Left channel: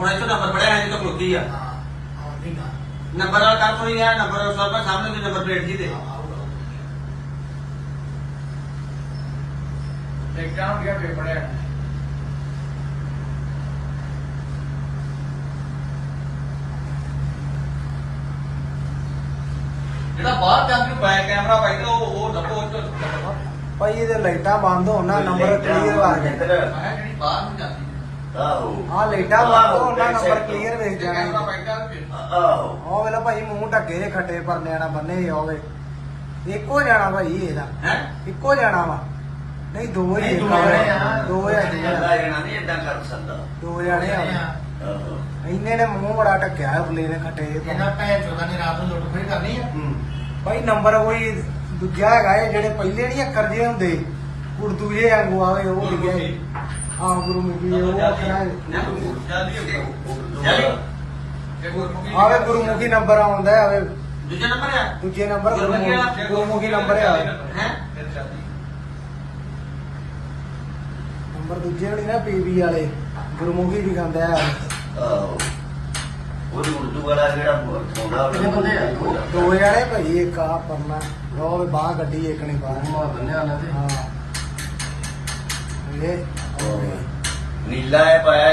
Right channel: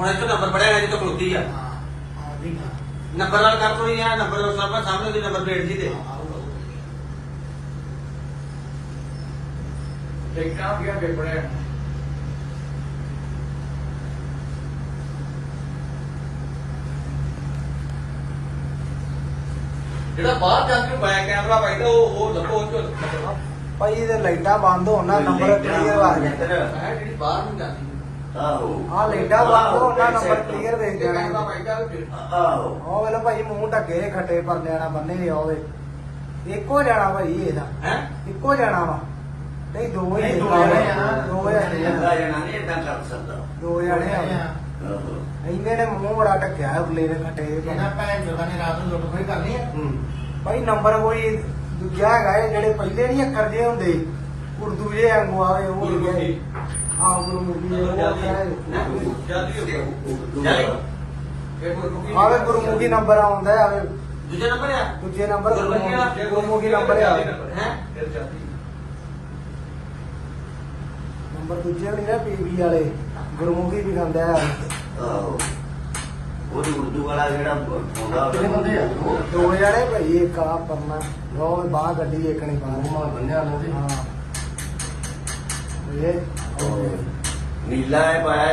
ਹੁਣ ਇੱਥੇ ਨੰਬਰ ਪੜਿਆ ਹੈ ਜਿੱਥੇ ਖਲੋਤੀ ਆ। ਨੰਬਰ ਨਾਲ ਕਰ ਕੋਈ ਆ ਨੰਬਰ ਨਾਲ ਸਾਹਮਣੇ ਸਾਹਮਣੇ ਦੀ ਨੰਬਰ ਪਲੇਟ ਦੀ। ਦੇ ਦੇਖਣਾ ਵੀ ਪੇਪਰ ਹੈ। ਜਿਹੜਾ ਬਾਹਰ ਜਾ ਕੇ ਬੈਕ ਕੈਮਰਾ ਬੈਠਾ ਉਹ ਉਹ ਦੱਬੋ ਉਹ ਭਾਈ ਇਹਦੇ ਲਾਈਟਾਂ ਬੰਦ ਹੋਣ ਨੰਬਰ ਕਲੀਅਰ ਆ ਜਾਂਦਾ। ਜਿਹੜੀ ਬਾਹਰ ਨੂੰ ਜਾਂਦੀ ਆਹੋ। ਆ ਨੰਬਰ ਕਲੀਅਰ ਵੇਖ ਜਾਣਾ ਆਹੋ। ਉਹ ਵੇਲੇ ਭਾਈ ਮੂੰਹ ਢੱਕੇ ਦੇ ਖੱਟੇ ਬੰਨੇ ਇੱਕੋ ਜਾਣਾ ਭਾਈ ਇਹਦਾ। ਹੈ? ਇੱਕੋ ਜਾਣਾ ਵਾ। ਨਹੀਂ ਦੋ ਹੀ ਨਹੀਂ, ਇੱਕ ਦੋ ਆ ਜਾਣੇ ਆ। ਦੋ ਆ ਦੋ ਇਹਦਾ ਆ ਇਹਨਾਂ ਨਹੀਂ ਇਦਾਂ ਕਰ ਸਕਦਾ। ਦੋ ਜਾਣੇ ਆ ਆਹੋ। ਇੰਨੇ ਨੇ ਮੂੰਹ ਬੜਾ ਢੱਕਿਆ ਨੇ ਖੱਟੇ ਜਿਹੇ ਇਹਨਾਂ ਪਰ- ਭੈਣ ਚੋਦਾਂ ਨੇ ਰਾਤ ਨੂੰ ਲੁੱਟ ਫੇਰ ਕਰਨੀ ਆ। ਹੂੰ। ਭਾਈ ਨੰਬਰ ਕੋਈ ਦੂਜਾ ਹੈਗਾ ਇਹ ਜਿਹੜੇ ਪਹਿਲੇ ਨਹੀਂ ਅੱਖਰ ਜੇ ਹੁੰਦੇ। ਉਰਦੂ ਜੇ ਵਾਂਗੂ ਆਵੇ ਉਹ ਲਿਖਿਆ ਹੈ ਹਾਂ ਗੁਰੂ ਮੁਖੀ ਉਹ ਕੋਈ ਆਵੇ ਗੁਰਮੁਖੀ ਨੰਬਰ ਆਉਂਦਾ ਹੈ ਆਵੇ। ਦੂਜਾ ਨੰਬਰ ਹੈ? ਦੂਜੇ ਨੰਬਰ ਗੁਰਮੁਖੀ ਗੁਰਮੁਖੀ ਨੰਬਰ ਹੈ। ਨੰਬਰ ਦੂਜੇ ਹੋਣੀ ਨਾ ਪੀਬੀ ਵਾਲੇ। ਗੁਰਮੁਖੀ ਵੀ ਖਾਂਦਾ ਹੈ। ਆਹੋ। ਉਹਦੇ ਉਰਦੂ ਵਾਲਾ ਜਿਹੜਾ ਕਿੰਨੇ ਬੰਦੇ ਆ? ਦੋ। ਜਣੇ ਭਾਈ ਇੱਕ ਆ ਪਰਨਾ। ਉਹ ਬਾਹ ਗੱਡੀ ਇੱਕ ਨੇ ਮਾਰ ਬੰਨਿਆ ਨਾ ਹਾਂ। ਇਹ ਉਹ ਨੀਲਾ ਹੈ ਪਾਇਆ